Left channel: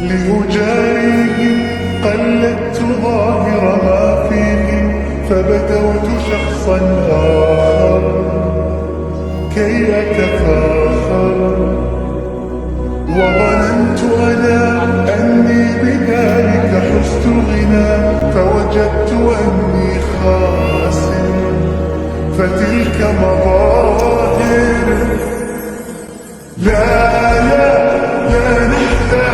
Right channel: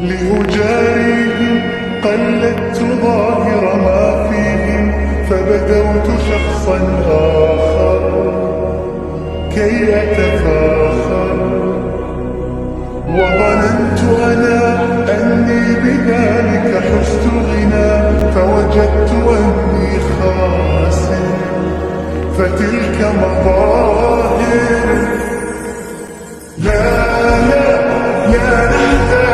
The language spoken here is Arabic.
لأجاريهم قلدت ظاهر ما فيهم، فبدوت شخصا آخر كي أتفاخر، وظننت أنا أني بذلك حزت غنى، فوجدت أني خاسر. فتلك مظاهر لا نحتاج